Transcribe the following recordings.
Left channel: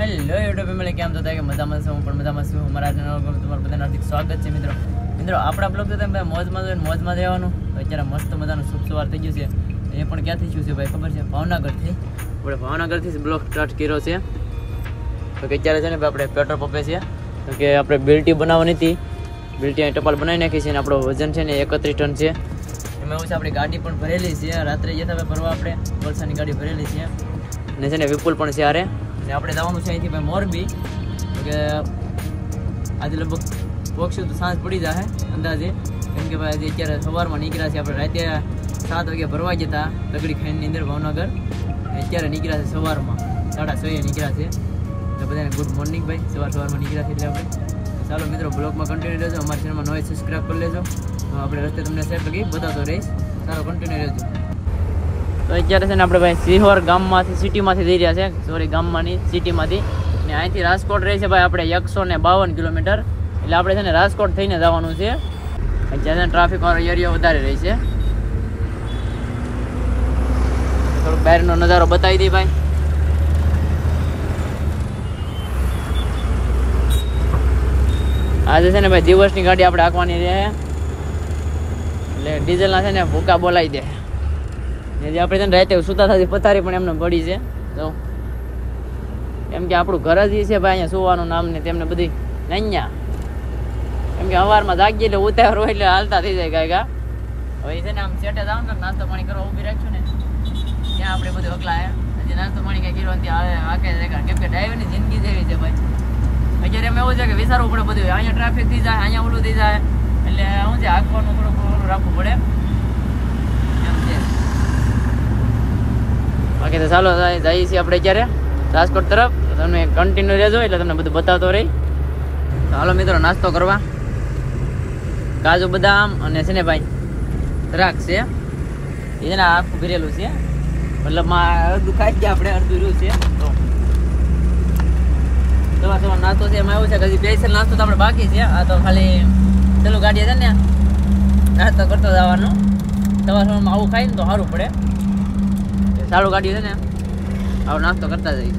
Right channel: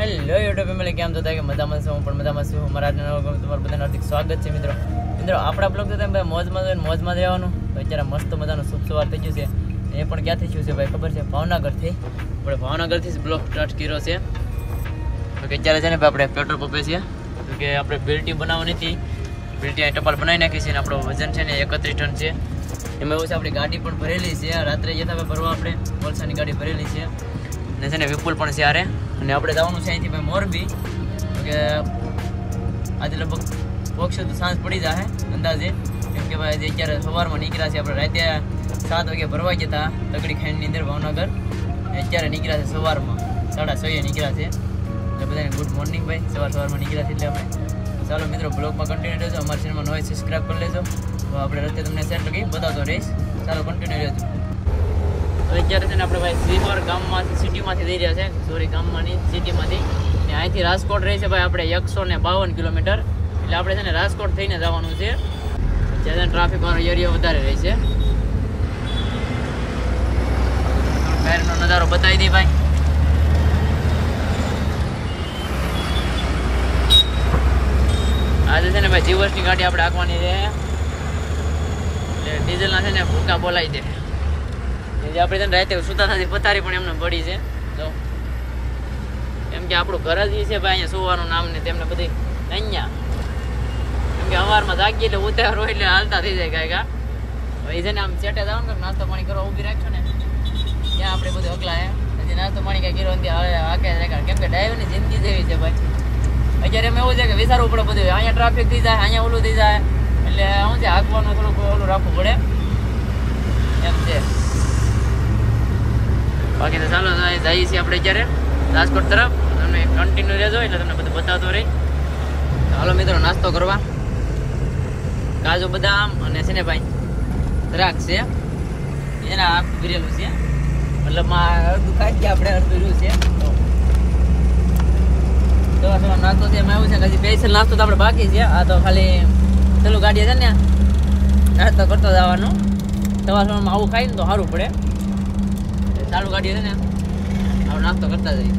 Hello YouTube family, કેમ છો? કે મજામાં છું, હું પણ મજામાં છું. અમારા તમારું બધાનું હાર્દિક સ્વાગત છે મિત્રો. આપણા બ્લોગ તો તમે મોજમાં રહેવાનું. અત્યારે મસ્ત મજાનું શુભ સવાર થઈ ગયું છે. એ પણ ક્યાંથી થયું છે ભાઈ ખબર છે? ભાવનગરથી. આપણે ભાવનગરથી બ્લોગ સ્ટાર્ટ કર્યો છે. તો કે અત્યારે છે ને આપણે પેટ્રોલ પંપે છે. તો કે આપણે બિલ્ટી બનાવવાની હતી. બિલ્ટી અહીં ટપાલ બનાવી નાખી છે. અને આપણો વજન છે ને 31 ટન છે. એમાં એવું છે આપણી ગાડી પણ ભરેલી છે. રાત્રે જતા હતા ભરવા આપણે વલસાડની ગાડી ભરેલી છે. અને છે ને વિપુલ પણ છે આરે. અને આપણે જવાનું છે અહીંથી ભાઈ મોરબી. તો કે આજે લગભગ પહોંચશું તો સાંજ પડી જાય અંદાજે. કેમ કે ભાઈ અત્યારે સવારમાં નીકળ્યા છે. આપણે રાતે 7 વાગે ભરવા જતા તગડી ખાંડની અંદર ભાવનગર. અત્યારે નીકળ્યા છે સવારમાં 6:30 નીકળ્યા છે. તો બધાને ગુડ મોર્નિંગ ભાઈ. સવારમાં નીકળ્યા છે એટલે આપણે ચાલો મિત્રો બ્લોગમાં કન્ટિન્યુ રહેજો. અમારી ચેનલમાં નવા સબસ્ક્રાઈબ કરી લેજો. તો આપણે રસ્તે તમને શેર કરી બતાવતો રહીશ. ચાલો કન્ટિન્યુ રહેજો. તો અત્યારે છે ને આપણે ભાઈ સિહોર ગામમાંથી સિટીમાંથી જઈ રહ્યા છે. સોરી ગામમાંની સિટીમાંથી. અને અહીંથી રાજકોટ રહે છે ભાઈ આપણે 152 કિલોમીટર. એટલે આપણે છે ને રાજકોટ થઈને જવાનું છે. અત્યારે ટ્રાફિક વાળો એરિયો વધારે રહે છે. થોડોક બહારનો નજારો બતાવી દઈ ભાઈ. આજે છે ને ભાઈ જીવસની ગાડી આપણે હાંકવાની છે. એટલે ડીઝલના છે ને ભૂકા બોલાવી દે. એટલે આપણે છે ને રાતે સુતા થતી પથારી પણ એમને પડી છે. તો એમ કે આપણું ઘર જ છે ભાઈ અહીંયા સુવાનું નામ ને તેમને બધી અહીંયા. કેમ કે સવારમાં જાગીએ એટલે ઉતાર હોય એટલે હાલતા થઈ જાય કાંઈ. હવે છે ને આમ સેટે જવાનું કે નાસ્તો પાણી કરવા ઊભી રાખશું ને ત્યાં આપણે બધું અકલા હજી નાસ્તો પાણી કાંઈ કર્યો ત્યાં હાકે રેખાડ. કેમ કે ડ્રાઈવરની જિંદગી જેવી છે ભાઈ. અત્યારે એમ એવું છે કે વિચારવું પડે બધું. અહીંયા ટ્રાફિક થઈ જાય, અહીંયા ઓલું થઈ જાય. એટલે શું છે હાંકવાનું થોડુંક ઓલું રાખવું પડે એમ છે. બાકી તો ચાલો જઈએ છીએ આપણે અત્યારે રાજકોટ તરફ. તમે કન્ટિન્યુ રહેજો એટલે તમને બધું બતાવતો રહી. હાલો મિત્રો નાસ્તો કરવા. કાજુ બદામ અને છે ને ભાઈ દ્રાક્ષ છે. એ છે ને આખું ભરેલું છે. મતલબ અડધું ખાઈ ગયા આપણે, અડધું રહ્યું છે. તમારે નાસ્તો છે એમાં એવું છે કે હજી સ્પેશિયલ નાસ્તો તો આપણે બાકી છે. આ તો ખાલી પેલું ગાડી છે ને નાસ્તો કરતો જવાનો. સવારમાં આવું ખાઈ ને તો સારું પડે. ચાલુ ગાડી છે ને આવો નાસ્તો કરતા જઈએ.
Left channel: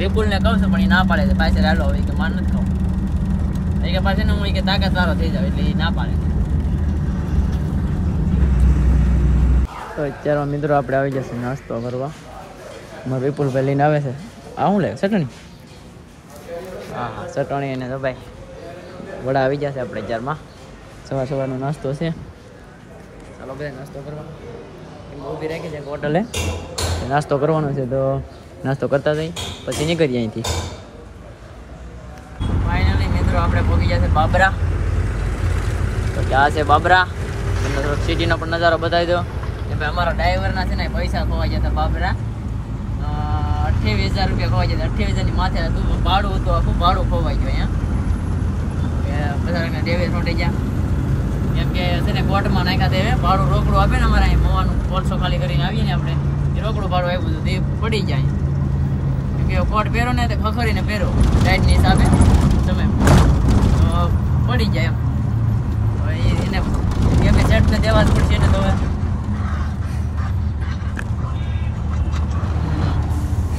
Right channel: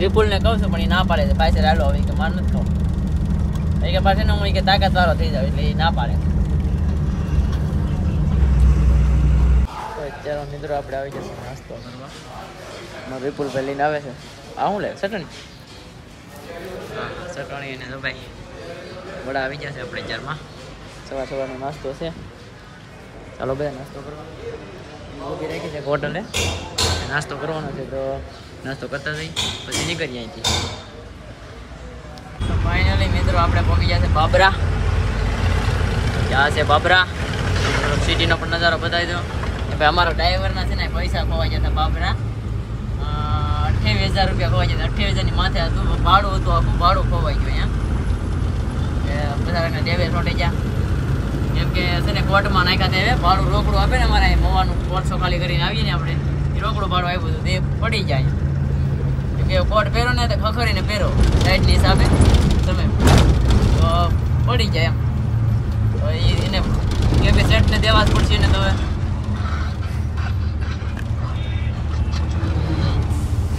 વિપુલને કહું છું પણ એ ના પાડે છે. પાછળ હાલો હવે કે માર નથી ખાવું. એ કે પાછળ હું કે તાકાત વાળો થઈ જાવ એટલે એ ના પાડે. તો અત્યારે મિત્રો આપણે આવી જશે નાસ્તો કરવા. વિપુલ ભાઈ લઈને આવે છે. શું લે ચટણી? હા હા ચટણી એને તો ભાઈ વડા આવી જશે આપણે 4માં. સવારનો નાસ્તો છે. ચાલો બધા નાસ્તો કરવા. ઊભી રાખી છે હોટલે. નાસ્તો કરવાનો છે તો નાસ્તો કરતા જઈએ પછી નીકળીએ અહીંથી. તો ફાઇનલી મિત્રો આપણે પહોંચી ગયા છે બાબરા. તો ક્યાં છે બાબરા? તમને થોડોક સિટીનો પણ નજારો બતાવી દો. એ ભાઈ અમારા ડ્રાઈવરના છે ને પૈસા ખોવાઈ ગયા હતા બાબરા. 28,000 રૂપિયા ખોવાઈ ગયા. 28,000ની માથે હતું ભાડું હતું. આખું ભાડું ખોવાઈ ગયું અહીંયા. બધા ડેવે છોટી ગયા. કેમ કે છે ને કોર્ટમાં નાખ્યા તે ભાડું રોકડું આપે ને અમારે અહીં મવાનું 500 ખાલી કરીને આવીએ ને આપણે એ રોકડું ભાડું આવ્યું હતું તે પડી જાય. કેમ કે કોર્ટ પહેરો ને તો ખખડીને પહેરો ટાઈટની હિસાબે તમે તો પડી જાય એમ. તો એને કેમ કે સેટને દેવા જ પડશે ને. તો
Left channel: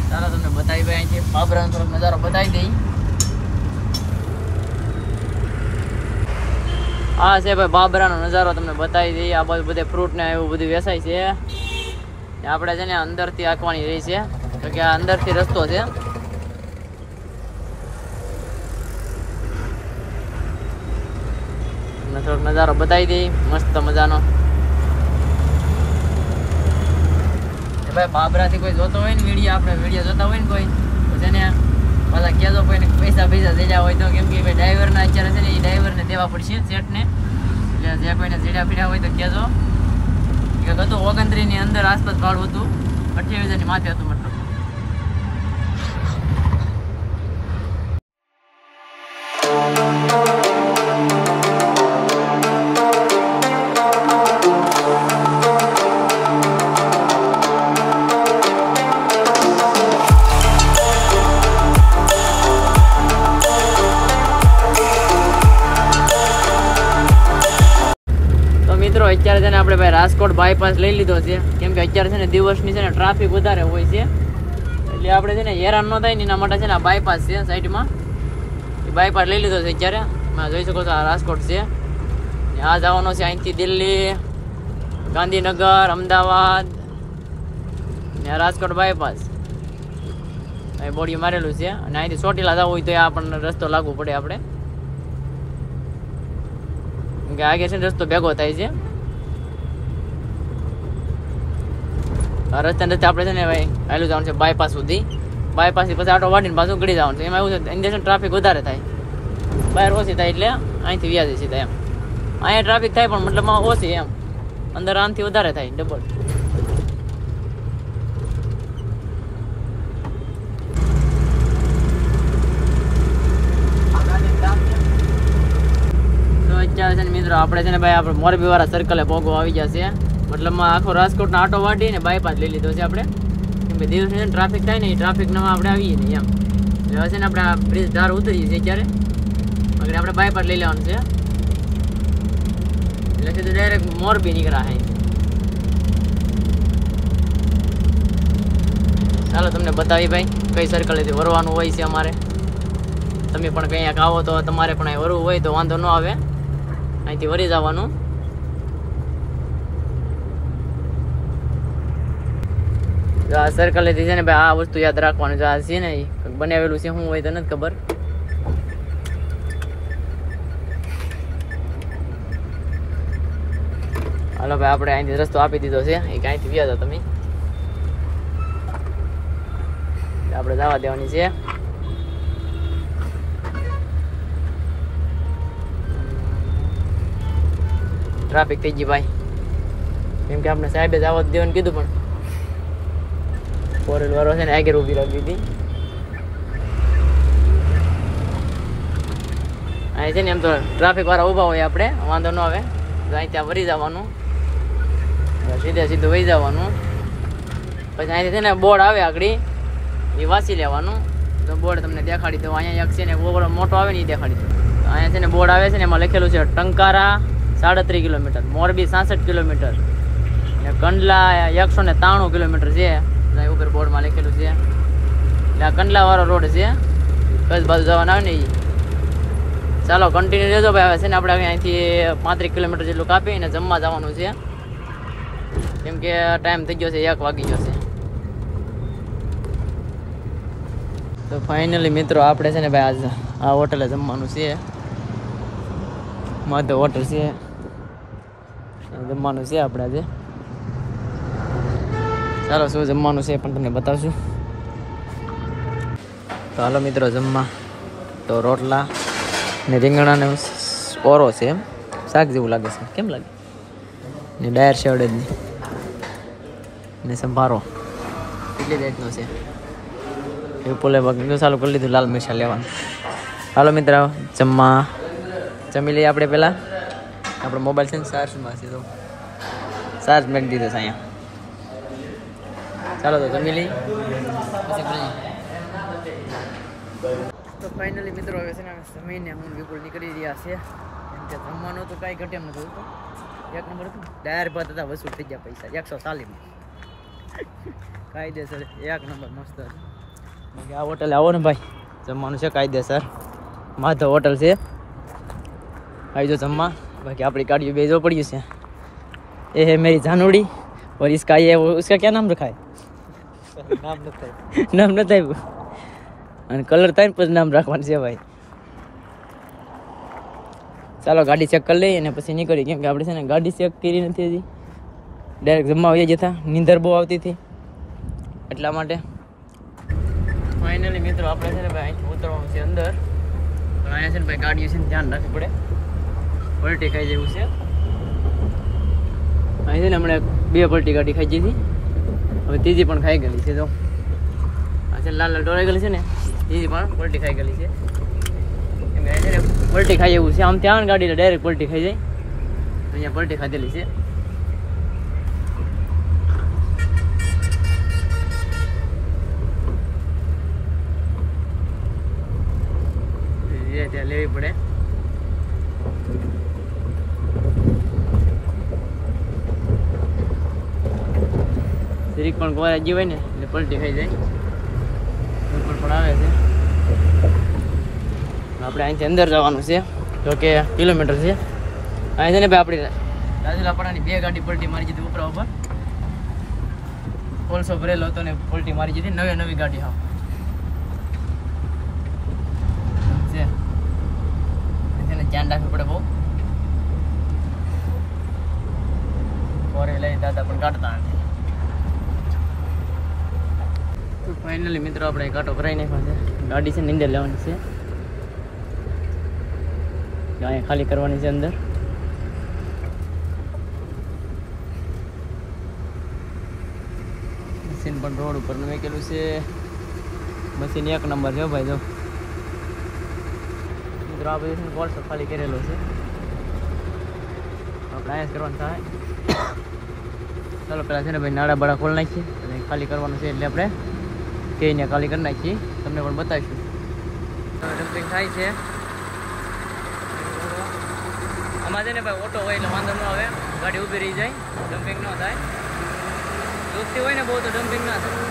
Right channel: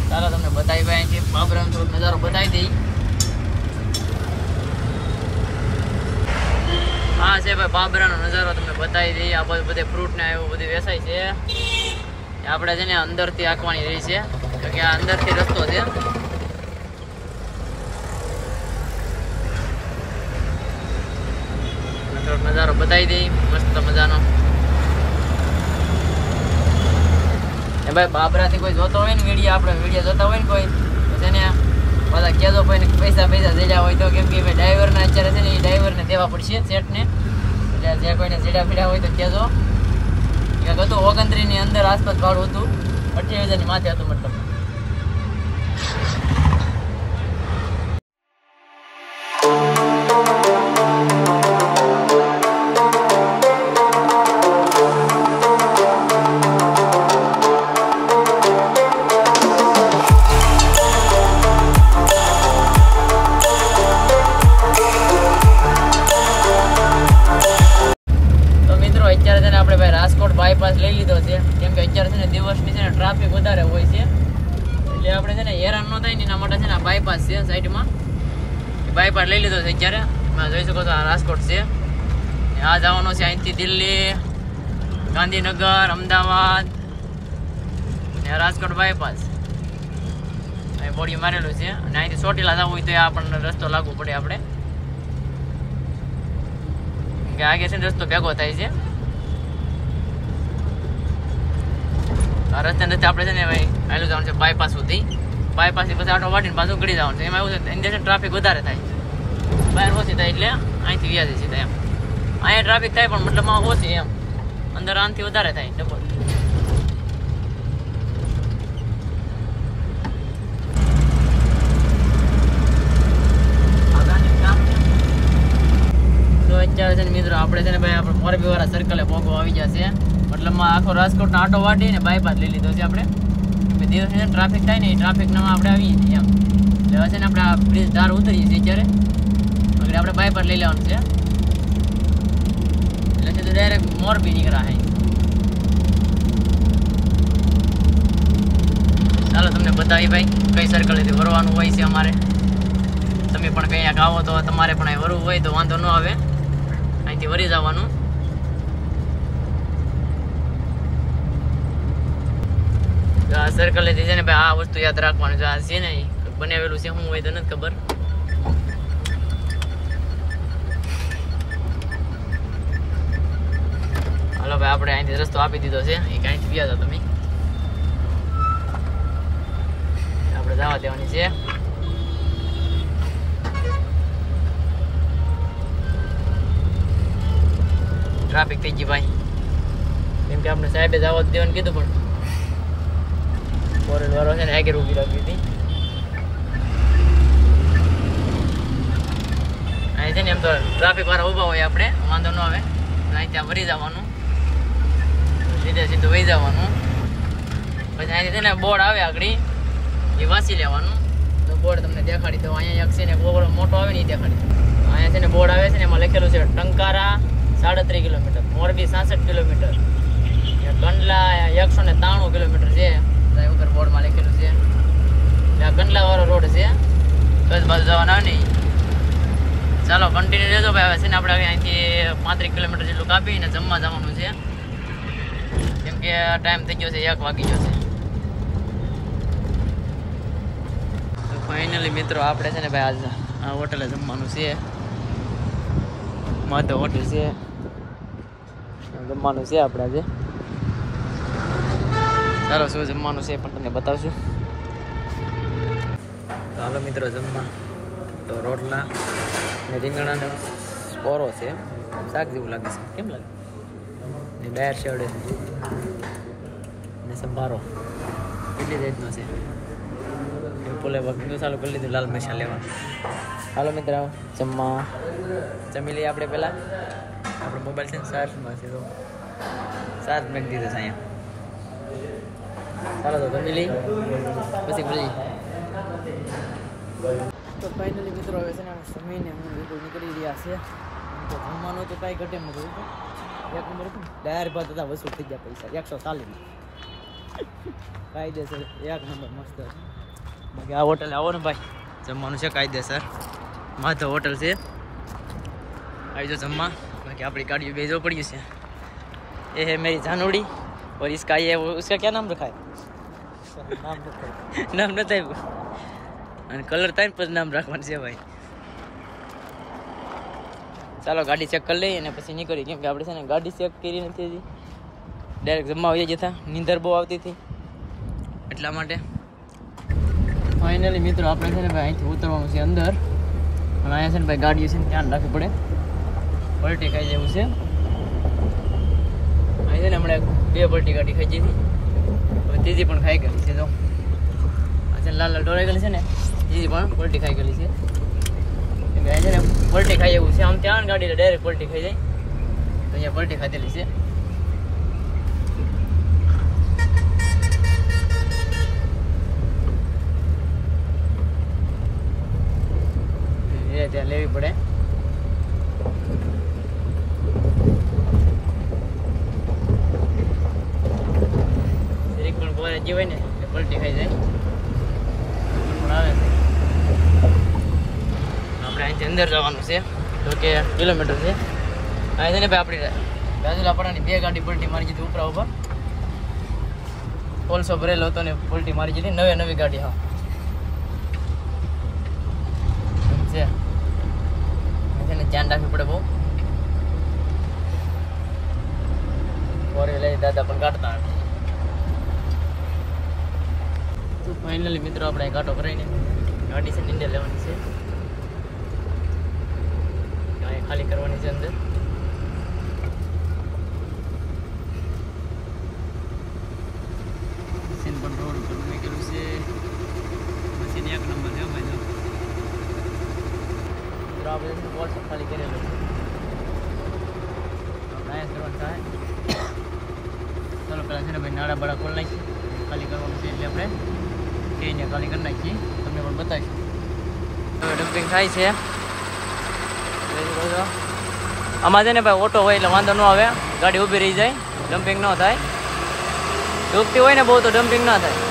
ચાલો તમને બતાવી ભાઈ અહીંથી બાબરાનો થોડોક નજારો બતાવી દઈ. હા છે ભાઈ બાબરાનો નજારો તમને બતાવી દઈએ. આ બધું બધે ફ્રૂટ ને એવું બધું વેચાય છે. આપણે છે ને અંદરથી હાંકવાની રહી છે. તો કે આ અંદરથી રસ્તો છે. તમને થોડોક નજારો બતાવી દઈ મસ્ત મજાનો. ભાઈ બાબરાથી કોઈ જોતો હોય ને આપણે વિડીયો જોતા હોય ને કોઈ તો છે ને પાછા કહેજો કોઈને પૈસા જેડા હોય તો. કેમ કે ભાઈ ડ્રાઈવરના અત્યારે છે ને એ ડ્રાઈવરને દેવા પડશે સેટને. એટલે જ્યાં કોઈને જેડા પીડા હોય તો કહેજો. ક્યાંક હતું 29ની અંદર આસપાસ ભાડું હતું. 28,000ની માથે હતું મતલબ. રાજકોટ બાયપાસ લઈ લીધો છે. કેમ કે અત્યારે છે ને દિવસની છે ને ટ્રાફિક વધારે હોય છે. ન થાય ને એના માટે છે ને બાયપાસ છે સાઈડમાં, એ બાયપાસ લઈ લીધો છે અત્યારે. જોઈ શકો છો આ રાજકોટ છે. આ જવાનો છે અહીંથી દિલ્હી, ગાંધીનગર, અમદાવાદ ને રાજકોટ બાયપાસ અહીં બોડી મારેલું છે. અને અહીંથી ચોટીલા જવું હોય તો આપણને રસ્તો લાગવો પડે આપણે, કે આગે છે ને રસ્તો ભેગો થાય છે. આ રસ્તા રસ્તે આપણે છે ને ભાઈ આવેલું જવાનું છે બાયપાસ સુધી. બાયપાસ થી પછી આટો વાટીને પાછું ગળી જવાનું છે. એમાં એવું છે અંદર ટ્રાફિક વધારે થાય, બહાર ઓછી થાય એટલે અહીંથી વ્યાજ સીધા એમ. અહીંયા ટ્રાફિક થાય પણ મતલબમાં ઓછી એમ, અંદર આનાથી વધારે થાય ડબલ. તો અત્યારે છે ને મિત્રો આપણે છે ને ભાઈ આપણે મોરબી વાળા સર્કલે પોગો આવી જશે. મતલબમાં આખો રાજકોટનો આટો વાટી ને બાયપાસ લઈ લીધો છે આપણે. દિવસ ટ્રાફિક થાય ને એ ટ્રાફિક નામાં આપણે આવીએ ને એમ. એટલે છે ને આપણે આ બ્રિજ ધાર ઉતરીએ છીએ અત્યારે, એટલે આપણે બાયપાસ લઈ લેવાનું છે. એટલે સીધું ડાયરેક્ટ મોરબી નીકળ્યા. ચાલો તમને બતાવી ભાઈ કઈ સર્કલેથી વરવાનું હોય છે અમારે. તમે પણ કંઈક આવો તો તમારે પણ અહીં વરવું હોય તો વાંધો ન આવે, અહીંથી વરી જવાનું. આ સર્કલેથી છે ને ભાઈ આ વસ્તુ યાદ રાખવાનું છે. આ છે ને બનાવેલું છે, શું હોય તો નથી ખબર. હાલો ભાઈ આપણે અહીંથી રસ્તો આપી દીધો છે, એ કાંઈથી ગયા હતા તમે, આપણે જવા દેવાની છે. ટ્રાફિક થઈ ગઈ ભાઈ, કેમ કે આપણે સાહેબે જવા દેવાનું કીધું પણ ફોર વ્હીલરો છે ને આગળ ઊભી રાખી હતી. અહીં છે ને એમ તો ટ્રાફિક વાળા ઊભા હોય, આપણે વાંધો ન આવે. અહીં ત્યાં વરી જવાનું, સીધે સીધું વહી જવાનું. પછી અહીંથી છે ને બોર્ડ આવે આગળ, એ વાંચી લેવાનું. તો બોર્ડ તમને દેખાડી દઉં. અહીંયા એક છે ને બોગડો મોટો આવે ને એ દેખાડી દઉં. અહીંયા છે ને બોર્ડ આવે છે ને એમાં લખેલું છે Tankara 37 kilometre, Morbi 66 kilometre, Kandla 193 kilometre છે. ઉપર બોર્ડમાં લખેલું છે. આ કંડલા વાળો રોડ છે, કચ્છ બાજુ જવાના આવે ને. ચાલો કન્ટિન્યુ રહેજો ભાઈ. હવે છે ને આપણે અહીંથી 35 કિલોમીટર જેટલું કાપીને જમવા જવાનું છે, કેમ કે ટાઈમ થઈ ગયો છે, 1 વાગી ગયો છે. તો ફાઇનલી મિત્રો આપણે છે ને ભાઈ આજ આ હોટલે જમવાનું છે, માધવ હોટલ છે, જમવાનું છે આપણે. ચાલો શું જમવાનું છે પણ તમને બતાવશું. તો હાલો મિત્રો જમવા તો રોટલા ને રીંગણાને ઓરો છે, શાક જેવું લાગે છે, કેમ લાગે ને ડાયર છે અડદની ને સંભારો એટલી જાતનો છે. એ પોલે બાકી ચાલુ કરી લીધું લાલ મરચાં લેવાનું. હાલો મિત્ર જમવા જમી લઈએ આપણે. પહેલાં આપણો મોબાઈલ છે ને ચાર્જમાં છે, તો ચાર્જ મેળવી દીધો છે અહીંયા. ચાલો તો જમી લઈ પછી મળી. તો ફાઇનલી મિત્રો હવે છે ને જમીને હું બિલકુલ નીકળી રહ્યા છે. કે જમવાનું તો કાંઈ ઘટે નથી હતું, 1 નંબર હતું. દાળ ભાત હતા, વસૂલ થઈ ગયા પૈસા 140માં, કાયદેસર 1 નંબર મસ્ત હતું. બાકી આ હોટલે આવો ને ભાઈ, જમવાનું છે કાયદેસર. માધવ હોટલ છે, આવી જાઓ જમવા. बाकी अपनी गाड़ी भेजो पड़ी उसे। ये है मेरी जानूड़ी और इसका ये उसका क्या नाम रखा है? नाम न था वो कलर था पर नाम रखवा से भाई। ચાલો ગાડી ચેક કરી લઈએ અને પછી નીકળી, કેમ કે આપણે છે ને ગાડી ચેક કરી નથી હજી, ડાયરેક્ટ જમવા આવી જતા, નીંદર બહુ આવતી હતી એટલા માટે. ફાઇનલી મિત્રો આપણે છે ને ભાઈ અહીંથી ઉતરવાનું છે અંદર, અને અહીંયા છે ને ભાઈ ગાડીઓ છે ને ધ્યાન રાખવું પડે, પલટી ખાઈ જેવું છે. અહીં છે ને હમણાં 2 પલટી ગાડી ખાઈ જઈ હતી, હવે ત્રીજી પણ ખાઈ ગયેલી છે. તો આ છે લાલ લાલ ડોરાઈ ગયેલી છે ને, ત્રીજી પણ પલટી ખાઈ ગયેલી છે. પલટી ખાઈ એવું છે, આમ ત્યાં ગાડી ડાયરેક્ટ પલટી ખાઈ જાય, તો અહીંયા પલટી ખાધેલી છે. ત્યાં લેવી પડે. જરીક પણ ગોળા જીવાય ને એટલે પલટી ખાઈ જાય, પણ અહીંથી અંદર જવાનું છે તો કે કિલોમીટર છે અહીંથી ને ભાઈ આપણે રાજુલાપરાની 2 ગાડી પલટી મારી દીધી ઉપરા ઉપર કોલસો ભરેલો હતો ને પલટી મારી દીધી નવી ગાડી હા છે એને ધ્યાન રાખવું પડે બહુ ફોરે લઈ દાદા પણ કાઢતા નથી તો ફાઇનલી મિત્રો આપણે કાંટો ભરાઈ નાખ્યો છે ગાડી છે નીંદર લેવાની છે અહીં ખાલી કરવાની છે અંદર મશીન પણ રોડ ઉપર મૂકેલું છે મશીન 1 નંબર છે ભાઈ જો આપણે કોલસો ખાલી કરેલો છે આપણે અહીંયા કરવાનું થાય ચાલો પેલા છે ને ભાઈ નાડા બાડા ખોલી નાખીએ ખાલી કરવાનું છે એટલે આપણે કહીને ખાલી કરી નાખીએ તમને પણ બતાવીશું હવે ડમ્પિંગ થાય છે આમાં છે ને ભાઈ ઓટો હોય એટલે વાંધો ન આવે ગાડી ઊભી રહી જાય ડમ્પિંગ ન થાય દુખતી હોય ને બહુ તો ડમ્પિંગ ના થાય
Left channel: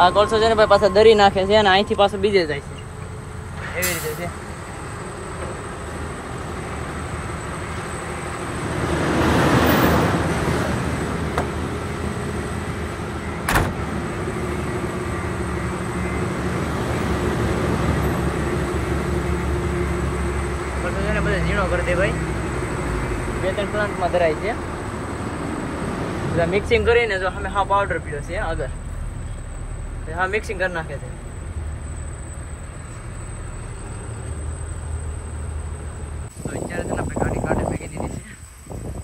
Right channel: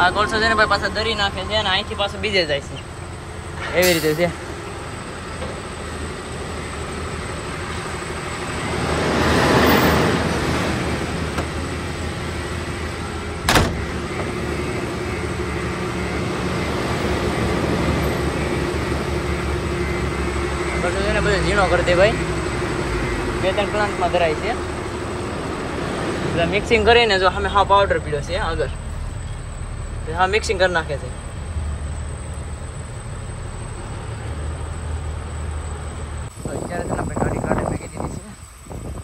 આ કોલસો છે ને ભાઈ પાછા દરી નાખે છે અને અહીંથી પાછું બીજે જાય છે એવી રીતે છે કોલસો છે ને બધું ઝીણો કરી દે ભાઈ 2-3 પ્લાન્ટમાં ધરાય છે બધા મિક્સિંગ કરીને જો અમે હા પાવડર પીડ્યો છે આગળ હા મિક્સિંગ કરી નાખે છે અત્યારે છે ને આપણે ગાડી કાંટે મૂકી દીધી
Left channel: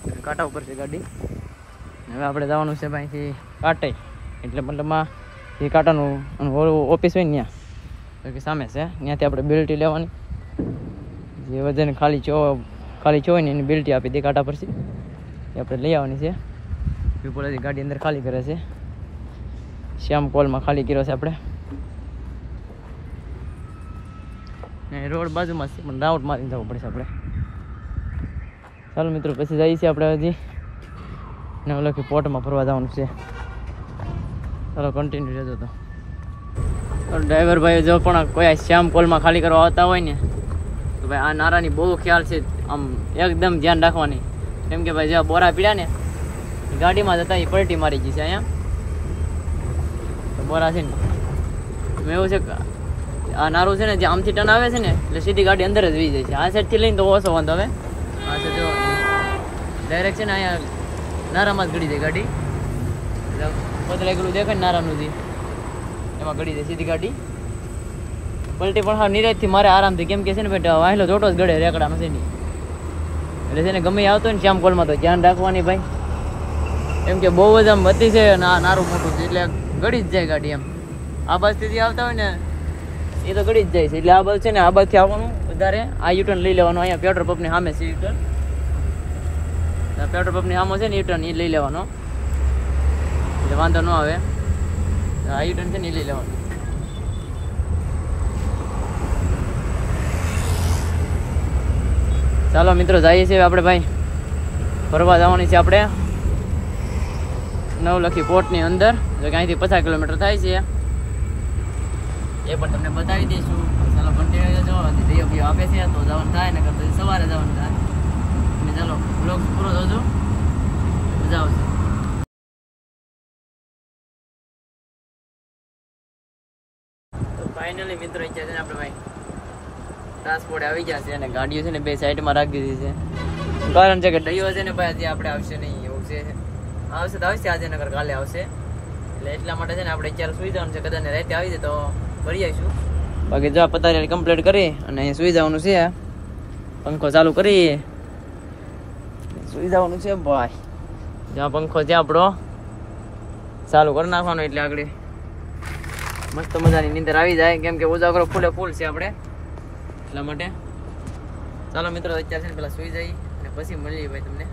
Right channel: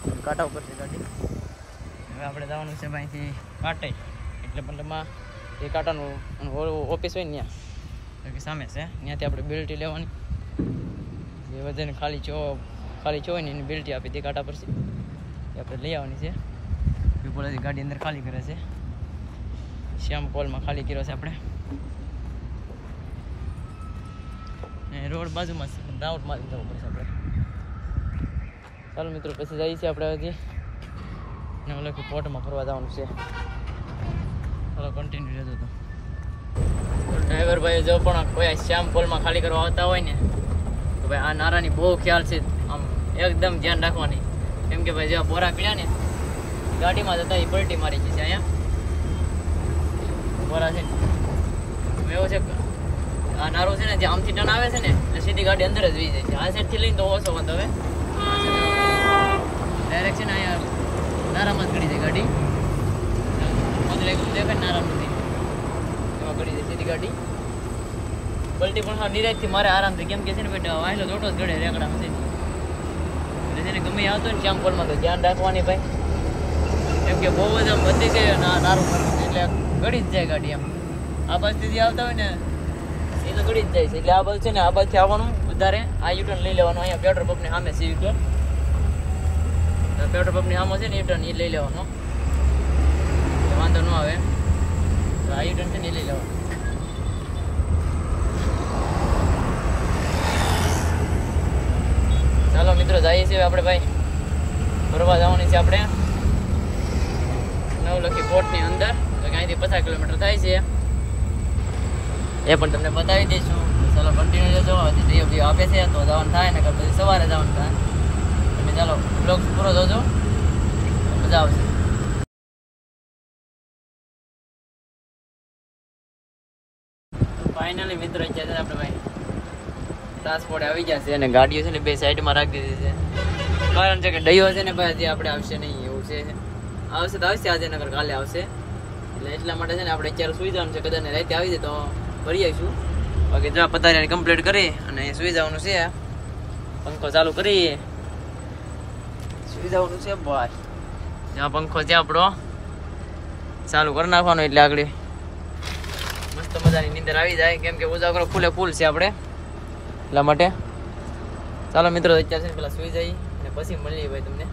છે કાંટા ઉપર છે ગાડી હવે આપણે જવાનું છે અહીંથી કાંટે એટલે મતલબમાં એ કાંટાનું ઓફિસ હોય ને ત્યાં કે સામે છે ત્યાંથી આપણે બેલ્ટી લેવાની જે વજન ખાલી હોય ને એની બેલ્ટી આપી દે કાંટા પરથી એ આપણે લઈ આવવાની છે પીપોલાથી ગાડી અંદર ખાલી કરે છે શ્યામ કોલમાં ખાલી કર્યો છે આપણે રોડ બાજુમાં છે પણ રાઉટ મારીને જવું પડશે આપણે ચાલો મિત્રો પછી જઈએ છીએ આપણે હજી નવલખી પોર્ટમાં ફરવા જવાનું છે ચાલો કન્ટિન્યુ રહેજો તો ડ્રાઈવર ભાઈ જો પણ કોઈ શ્યામ કોલમાં ખાલી કરવા આવતા હોય ને તો ભાઈ આ નારાની બહુ ખ્યાલ છે આમ એકદમ ધ્યાન રાખવાની કેમ કે ભાઈ જેવા બોરા પીડ્યા ને ગાડીમાં જતા એ પલટી મારી ગઈ છે અહીંયા બોરા છે ને એવું છે આ નારું છે ને જે આમથી ટર્ન આવે છે ને એટલે સીધી ગાડી અંદર જ વી જાય છે આ સાઈડથી લઈને તો ઓછો વાંધો આવે ડાયરેક્ટ છે ને અહીંયા નારામાં જ ગળી જાય ગાડી બદલાઈ ગયું દેખાય નારાનું એમાં ગળી જાય સીધી ગાડી પલટી પણ હા નિરાજથી મારે આરામથી કેમ કે છે ને ભાઈ વાહેલો જોટો જ ગળે રેકડા મશીન એટલે છે ને ગમે આવતો ને શ્યામ કોલમાં તો ધ્યાન રાખવાની ભાઈ એમ કે બહુ જ આમ વધી છે નારું મોટું એટલે ગળી જ જાય ગાડી એમ આ બાજુથી આવતા હોય ને એ તો ગળી જ જાય છે એટલે આ બાજુ છે ને આ બાજુથી આવવાનું વધારે આ યુટર્ન લઈ લેવાનું અહીંયા પેટ્રોલ પંપની સામે છે યુટર્ન પેટ્રોલ પંપની સામે છે ને યુટર્ન એ લઈ લેવાનો એટલે વાંધો ન આવે આ યુટર્ન છે ને એ લઈ લેવાનું ચાલો મિત્રો જઈએ છીએ આપણે ભાઈ ફરવા જવાની છે આપણે નવલખી પોર્ટની અંદર અહીંથી 50 કિલોમીટર થાય છે એ પણ તમને બતાવી દઈશું ચાલો કન્ટિન્યુ રહેજો જઈએ બી આપે છે તો જવાનું થાય ને પછી સવારે જવાનું થાય તમે ચાલો બ્લોગ પૂરો જોજો મજા આવશે તો ફાઇનલી મિત્રો અત્યારે છે આપણે ભાઈ ટ્રાન્સપોર્ટ આવી ગયા છે અને ગાડીઓ છે ને બે સાઈડમાં રાખી દીધી છે કારણ છે કે ડયો છે ને ભાઈ આજે આપણે આવશે નહીં એવું છે આવશે તો આવશે આજે નગર કાલે આવશે એટલે એટલા માટે છે ને આપણે અત્યારે સુઈ જવાનું છે કદાચ રાતે આવી જાય તો ભરી આવીશું બાકી જો પતારી કમ્પ્લીટ કરી અને અહીં સુઈ જવાનું છે. પંખો ચાલુ કરી સુઈ જવાનું છે ભાઈ. જ્યાં પંખો ત્યાં આપણો ચાલુ કરી નાખવાનો એટલે આગળ મસ્ત મજાની નીંદર આવી જાય, કેમ કે ઉજાગરો ફૂલે ફૂલ છે આપણે એટલા માટે. ચાલો મિત્રો અત્યારે છે ને પેલા સુઈ જઈએ અને પછી મળીએ ભાઈ તમને,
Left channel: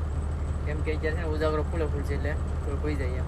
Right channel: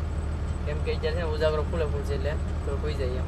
કેમ કે અત્યારે છે ને ઉજાગરો ફૂલે ફૂલ છે એટલે થોડું સુઈ જઈએ.